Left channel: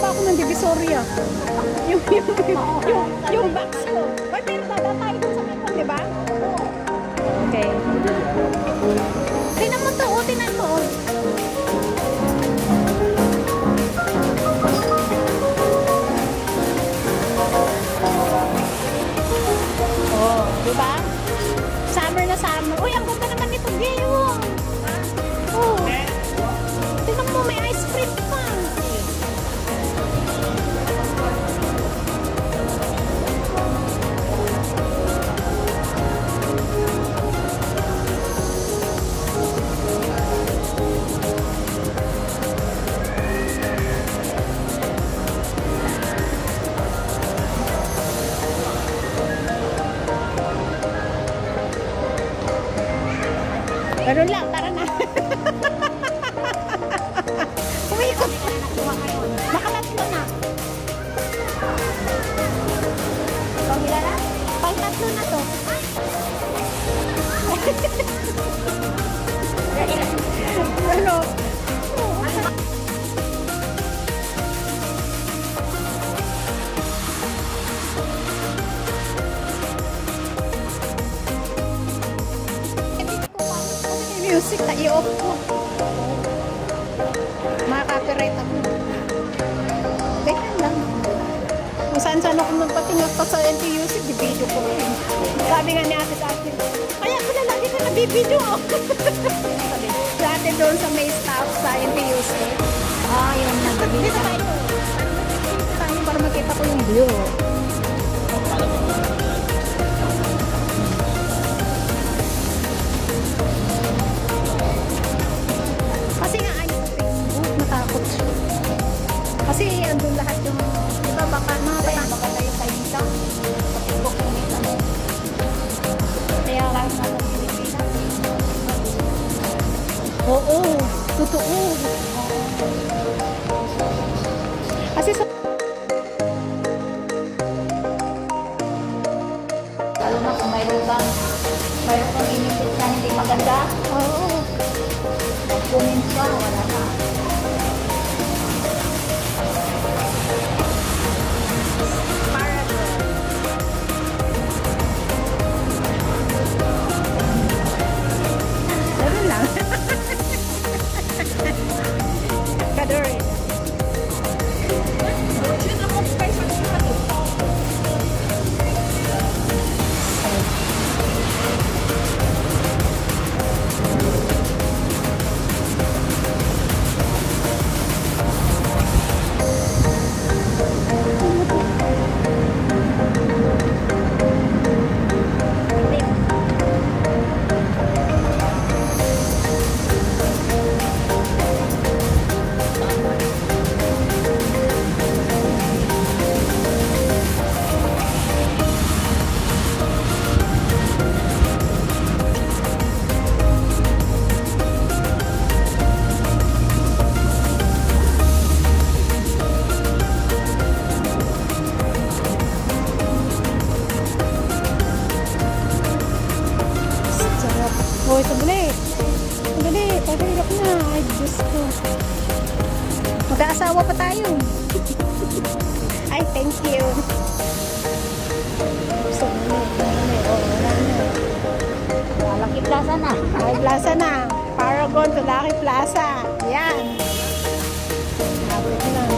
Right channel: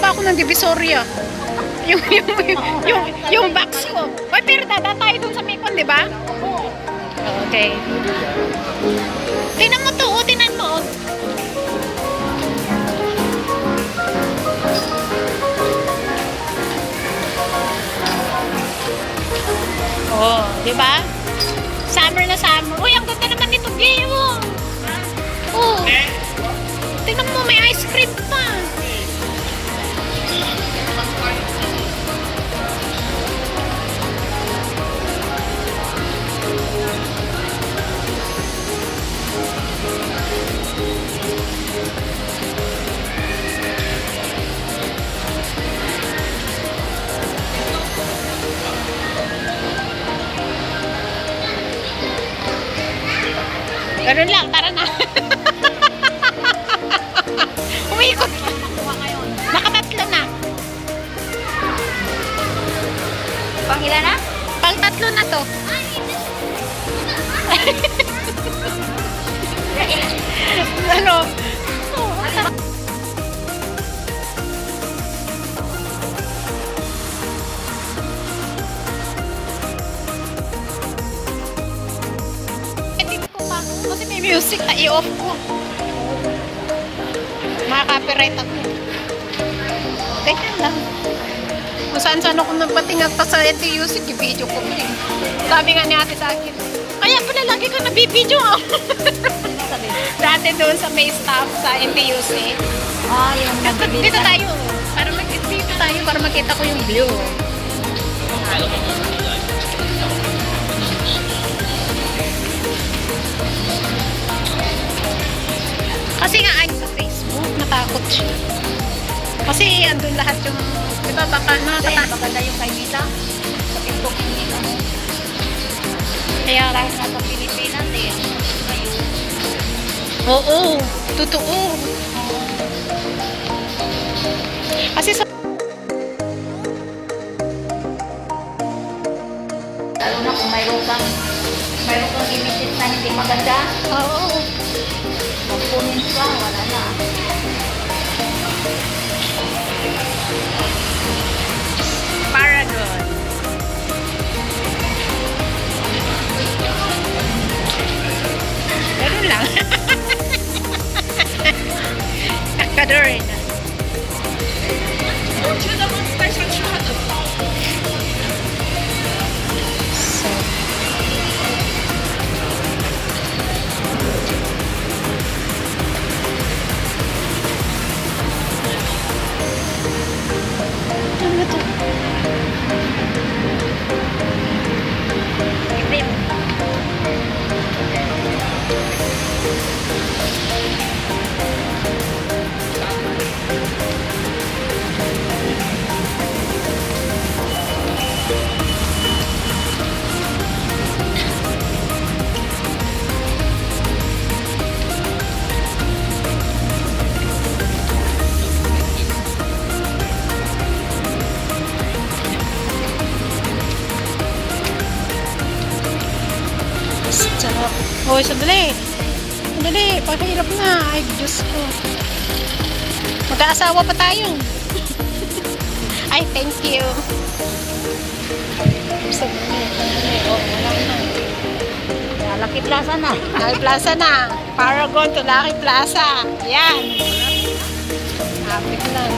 pa ako ng Divisoria. Yung box ko. Uy, pero dadaan tayo dun sa Mekong, di ba? Okay. Tingnan mo to, oh, tingnan mo, oh. Oh, di ba? Summer na summer. Uy, ang ganda naman nito, Gay, oh. Oh. Tingnan mo, may ice cream pa. Ganun lang, tara na. Umikot. Nakatatlo na. Pangilan na? Pang-tatlo na to. Ano? Kasi may music na i-off ko. Maka-copyright ako. Ganyan lang. Kung saan-saan ako nagpatingat pa sa NTUC, i-video ko yun. Sabi nga ni ate sa akin, kaya pala lagi ka nabibideo. Dati doon sa may staff sa NTUC. Dito tayo. Dito tayo para makita ko yung view. Kasi nga ayun sa Facebook, natakot siya. Kasi andun lahat yung, di ba, baka nakakatakot. Maganda yung kay Nita. Kaya lang Nasa Pilipinas eh. oo, totoo. Kasi sa Lalo na kung mayroon kang imitate na hindi maganda. oo. Kunin ka, wala na. Paragon. Ganun lang. Kakadorin. Ano to? Sarap. Hoy, sandali. Sandali, pahirap na. Ay, Diyos ko. Mag-aasawa pa tayo. Ay, thank you. Sandali. Oh, wala na. Lucky Plaza na. Lucky Plaza na. Paragon to Lucky Plaza. Yan. Hapit na.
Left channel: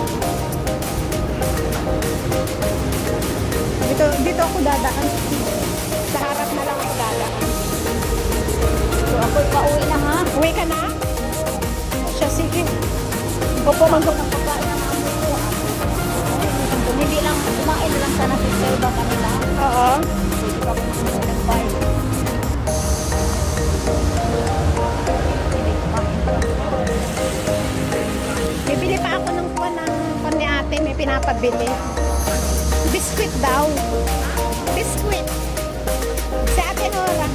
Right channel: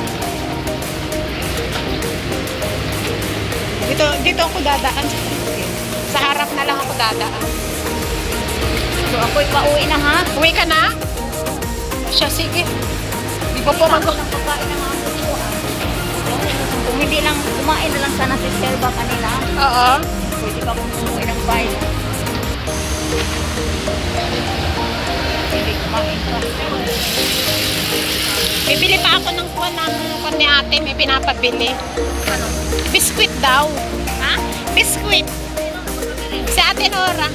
Dito ako dadaan. Sa harap na lang ako dadaan. So, ako'y pauwi na ha. Uwi ka na? Siya, sige. Opo, Hindi lang, kumain na lang sana si Selva kanila. Oo. Hindi pa kung umuwi ng bayo. Hindi kumain pa. Bibili pa ako ng kuwan ni ate. May pinapabili. Biskuit daw. Ha? Biskuit. Si ate Nora.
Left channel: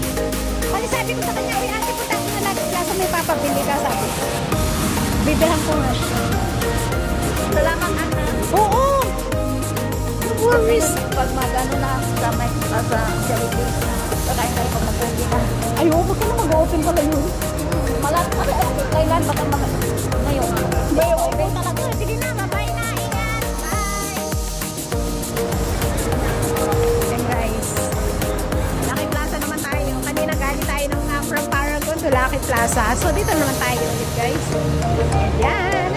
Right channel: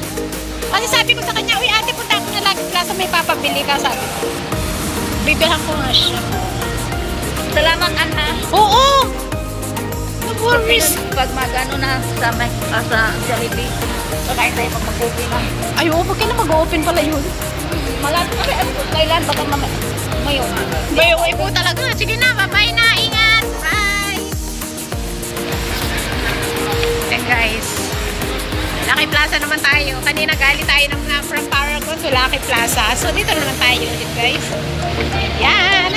Kasi sabi ko sa kanya, uy ate, punta ako na Lucky Plaza, may papabili ka, sabi ko. Bibilhan ko nga siya. Salamat, anak. Oo! No worries. Pag magano na sa Jollibee, pagkain tayo pag mag-open na. Ay, oo, bakit na mag-open pala yun? Kailan? Baka ngayon. Bay, uwi po talaga. Sige na, bye-bye na. Ingat. guys. Lucky Plaza naman tayo. Kanina galing tayo from Paragon to Lucky Plaza. So dito naman tayo ulit guys. Ayan.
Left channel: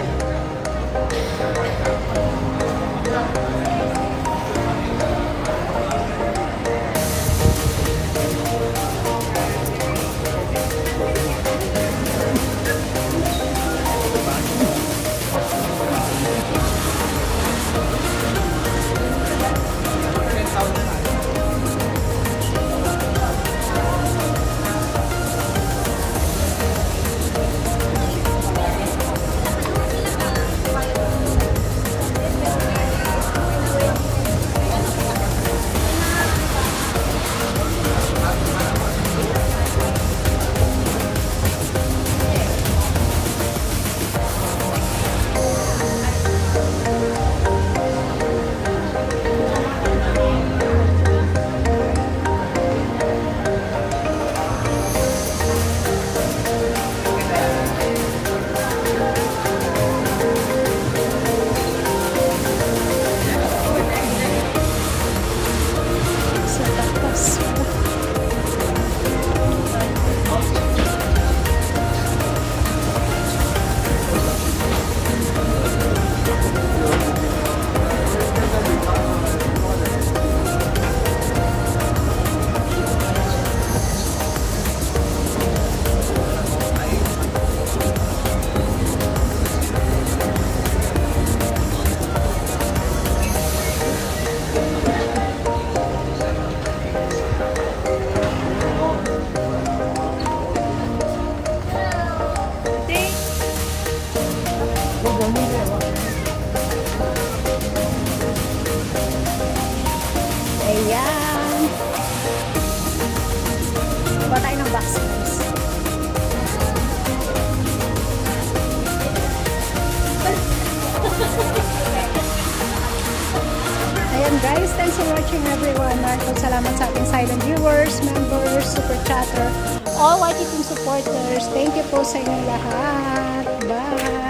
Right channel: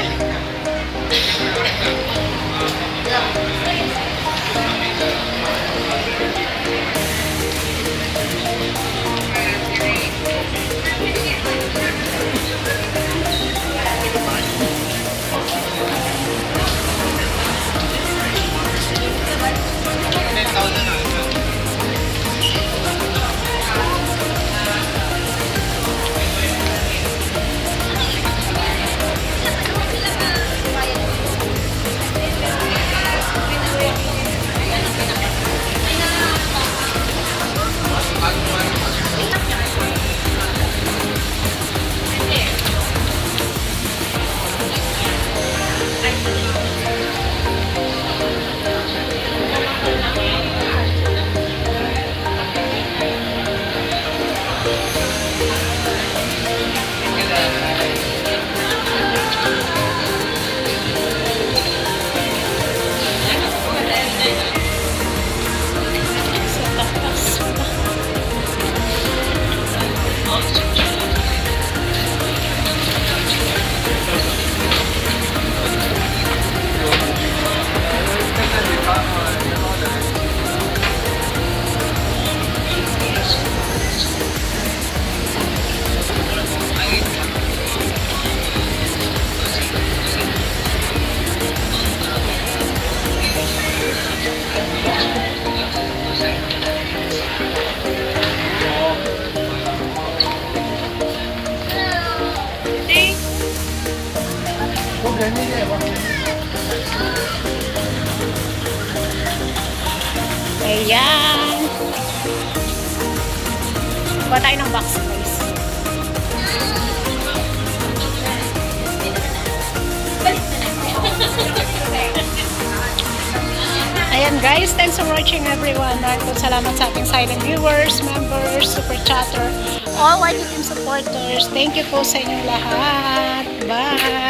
Ayan. Kuha tayo ng box guys. Ayan guys, thanks for watching everyone. Salamat sa ating silent viewers, members, super chatter, all YT team supporters. Thank you po sa inyong lahat. Bye!